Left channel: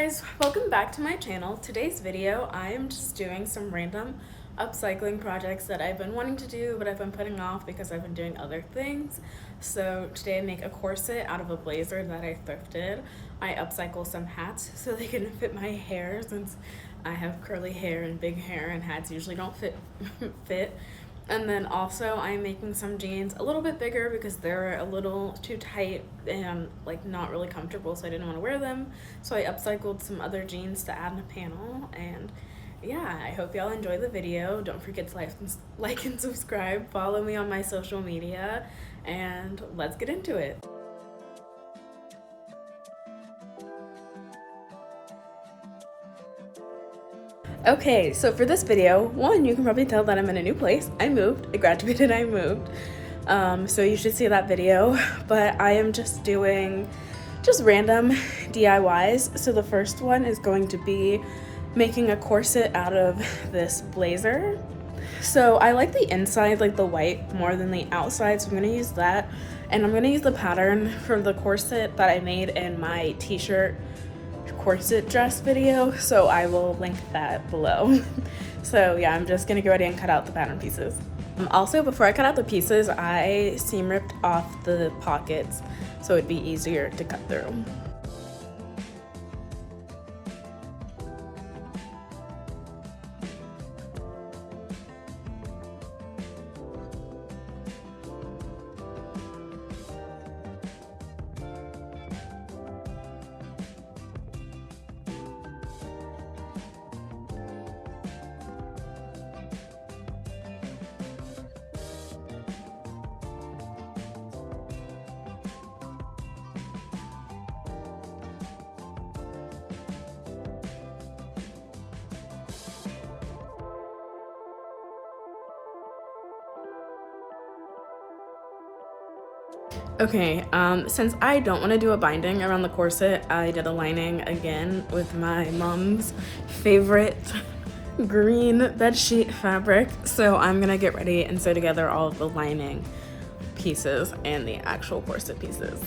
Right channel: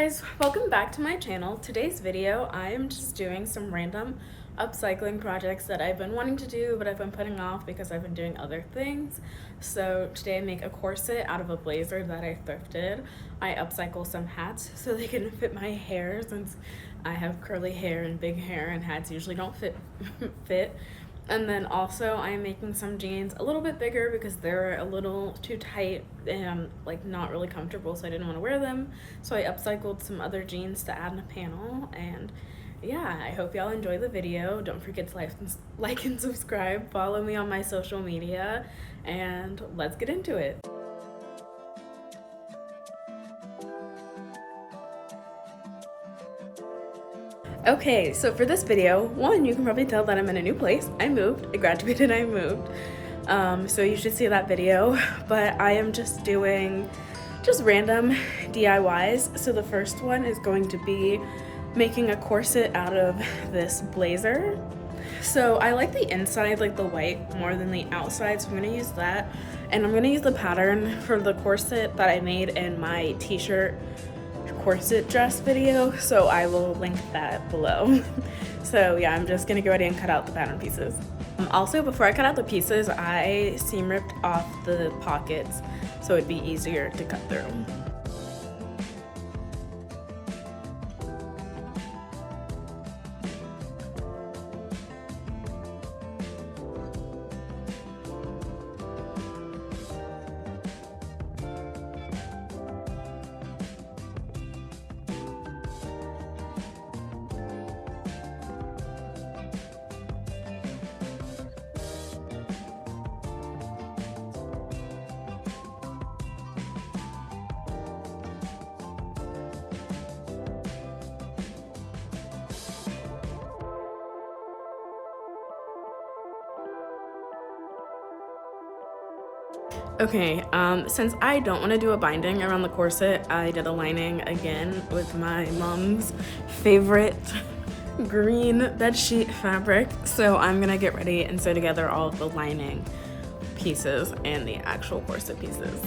Guys, welcome back to my channel. Today's video, I am just doing some random upcycling projects that I've been wanting to do, but I've been putting off because I've been doing other things. So today I make a corset out of a blazer that I thrifted. I upcycle some hats so they can fit my hair since I have curly hair and big hair and hats usually don't fit. And then also I'm making some jeans a little bit bigger because they're a little too tight and like not really comfortable, so I didn't want to wear them. So I upcycled some other jeans to add in a panel. And yeah, I hope y'all enjoy the video. Don't forget to like and subscribe. Follow me on my social media and let's get into it. Okay, so for this video, one, you can probably tell that I'm in a new place. I moved, I graduated, I moved. So you should see that video, but I am just doing random DIYs. So the first one is going to be making a corset out of this blazer. So I like the inside, like the white, more than the outside, so I'm gonna use that. And I'm gonna use the pattern for the corset that I made in my t-shirt corset dress video, so I will link that below. So yeah, I'm just gonna go ahead and cut out the pattern pieces. Also, before I cut out the pieces, I seam ripped off the pockets so it'd be easier to cut through. Okay, since I don't want to do a binding around the corset, I did a lining again with my mom's favorite green bedsheet fabric. So I'm gonna get ready and sew together all of the lining pieces and the actual corset pieces.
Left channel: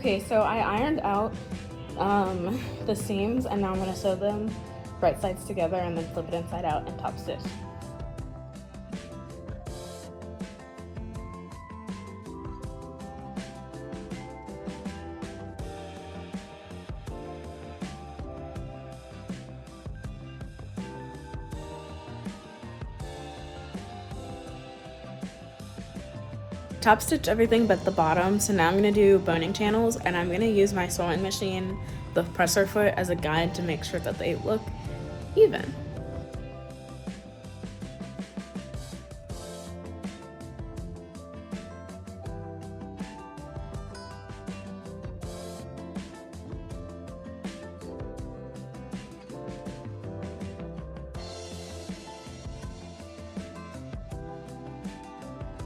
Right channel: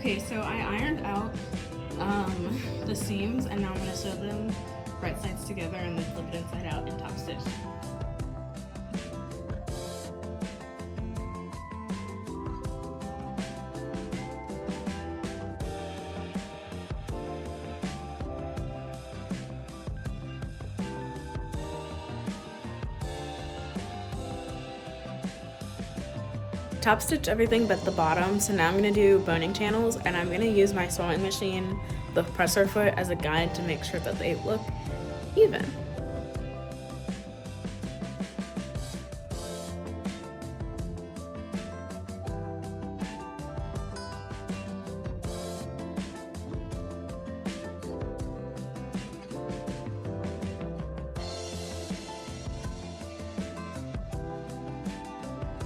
Okay, so I ironed out the seams, and now I'm going to sew them right sides together and then flip it inside out and top stitch. Top stitch everything but the bottom, so now I'm going to do boning channels, and I'm going to use my sewing machine, the presser foot, as a guide to make sure that they look even.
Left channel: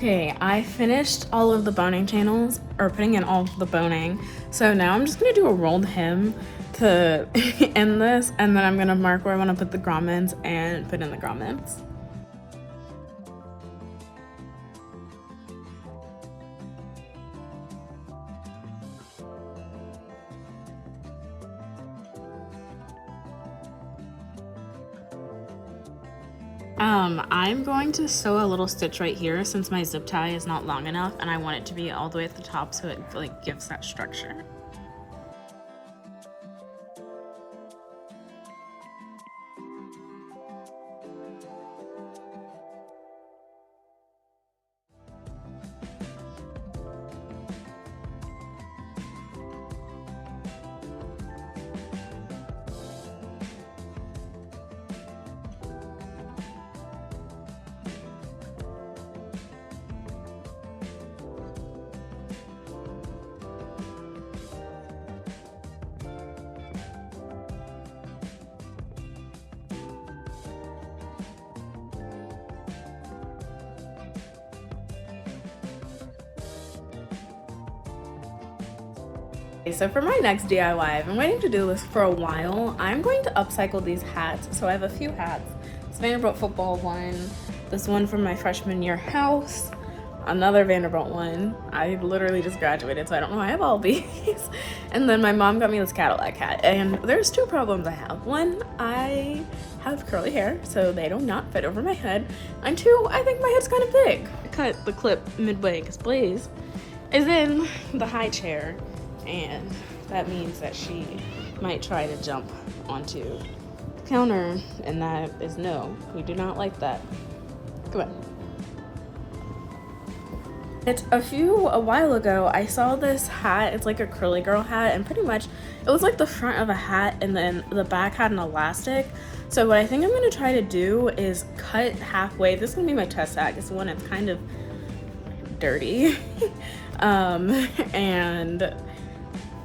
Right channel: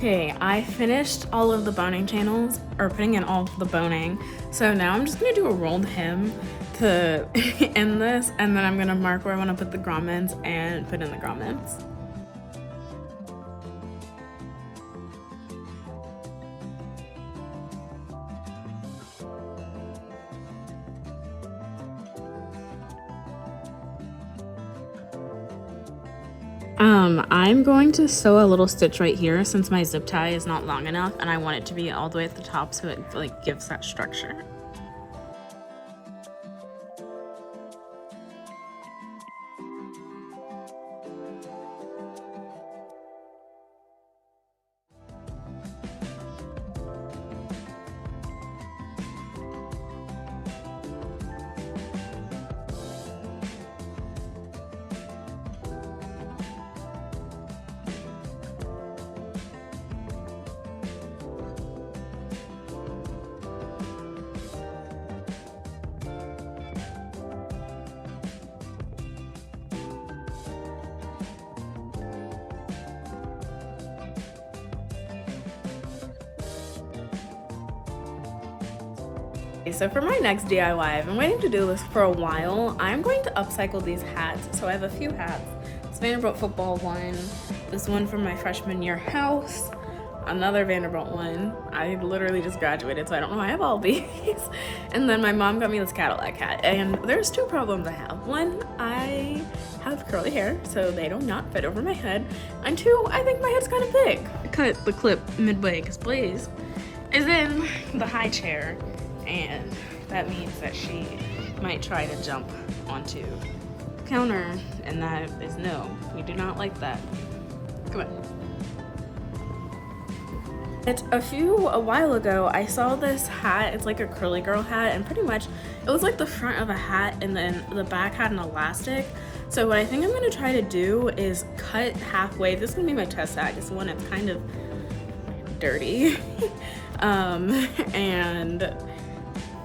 Okay, I finished all of the boning channels, or putting in all of the boning. So now I'm just gonna do a rolled hem to end this, and then I'm gonna mark where I wanna put the grommets and put in the grommets. I'm going to sew a little stitch right here since my zip tie is not long enough, and I want it to be all the way at the top so it like gives that structure. So for my next DIY, I've been waiting to do this for a while. I'm going to upcycle these hats. So I have a few hats. This Vanderbilt football one, this one from my freshman year house, another Vanderbilt one. I literally just graduated, so I don't know why I have all these. And then my mom got me this Cadillac hat. And there's two problems I have. One, I have curly hair, so they do not fit over my head. And two, I think my head's kind of big. I cut the clip midway because Blaze is in the high chair, and that means that she might try to jump onto the counter, and that is no. We do not like that. Come on. It's a while ago, I saw this hat. It's like a curly girl hat, and pretty much it was like the front of a hat and then the back had an elastic. So what I think I'm gonna try to do is cut halfway. This is gonna be my test hat. It's the one that's kind of dirty. And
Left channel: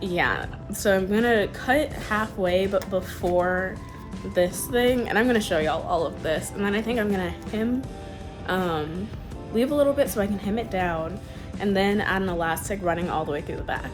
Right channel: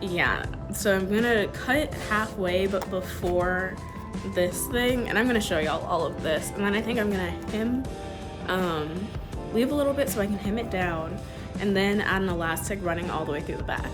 yeah, so I'm gonna cut halfway but before this thing, and I'm gonna show y'all all of this, and then I think I'm gonna hem, leave a little bit so I can hem it down, and then add an elastic running all the way through the back.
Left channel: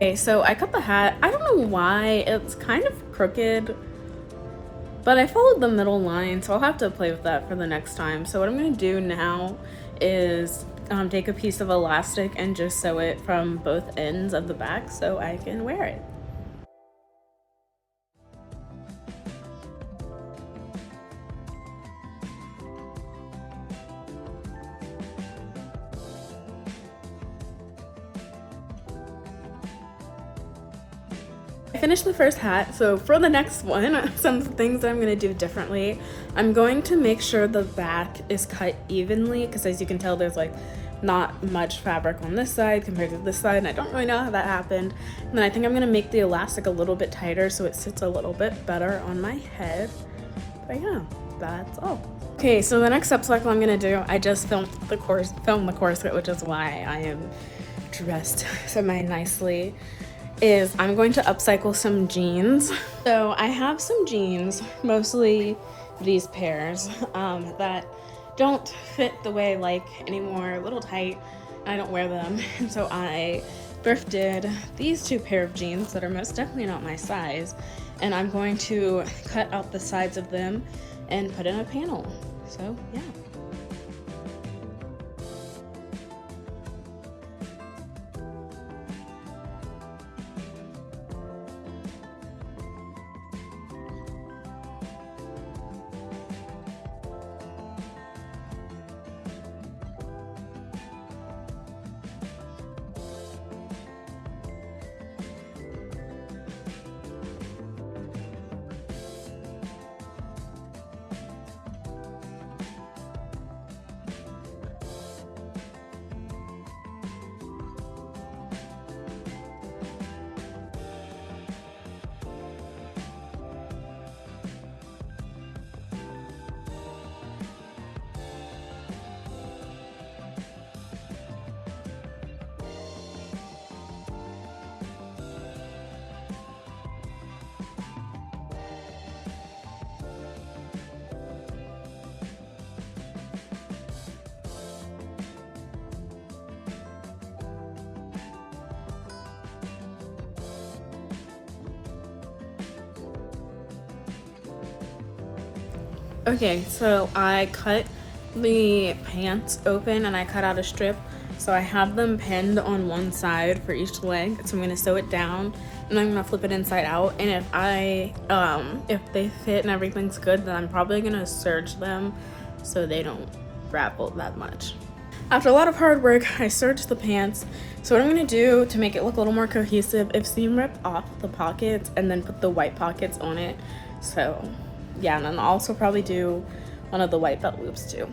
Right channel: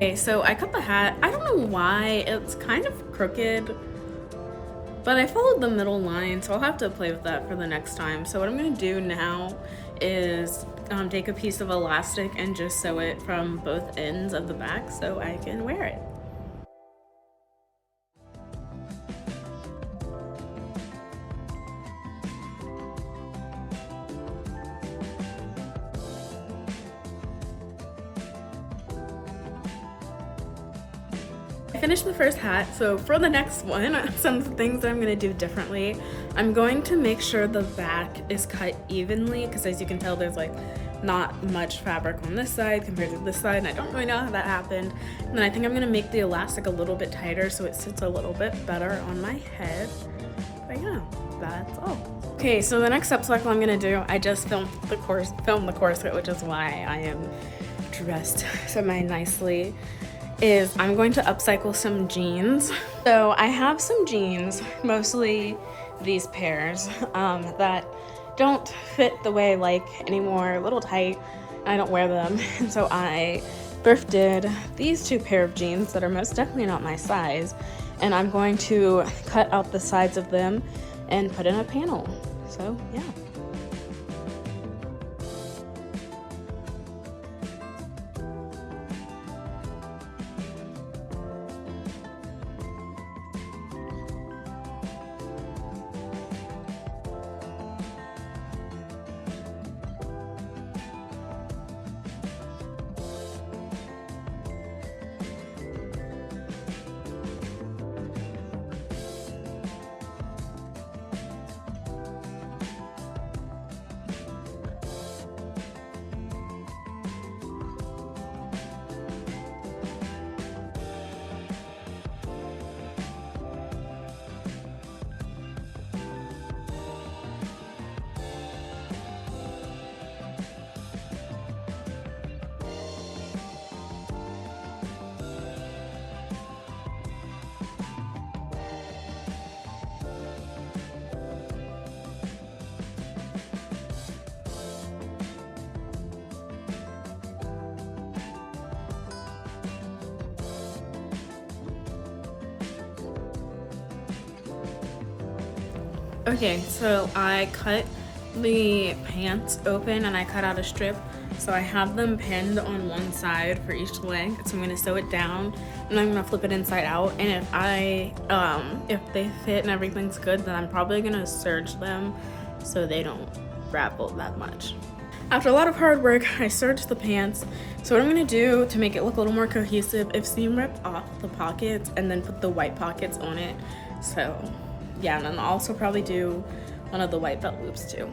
Okay, so I cut the hat. I don't know why, it's kind of crooked, but I followed the middle line, so I'll have to play with that for the next time. So what I'm gonna do now is take a piece of elastic and just sew it from both ends of the back so I can wear it. I finished the first hat, so for the next one, some things that I'm gonna do differently. I'm going to make sure the back is cut evenly, because as you can tell, there's like not much fabric on this side compared to this side, and I don't really know how that happened. And then I think I'm gonna make the elastic a little bit tighter so it sits a little bit better on my head. But yeah, that's all. Okay, so the next upcycle I'm gonna do, I just filmed the corset, which is why I am dressed semi-nicely, is I'm going to upcycle some jeans. So I have some jeans, mostly these pairs, that don't fit the way I like anymore, a little tight, and I don't wear them. And so I thrifted these two pair of jeans that are most definitely not my size, and I'm going to cut out the sides of them and put in a panel. So yeah. Okay, so I cut the pants open and I cut out a strip. So So I have them pinned on one side for each leg. So I'm gonna sew it down and I'm gonna flip it inside out. And if they fit and everything's good, then I'm probably gonna serge them so they don't ravel that much. After a lot of hard work, I serged the pants. So what I'm gonna do to make it look a little more cohesive is seam rip off the pockets and then put the white pockets on it. So yeah, and then I'll also probably do one of the white belt loops too.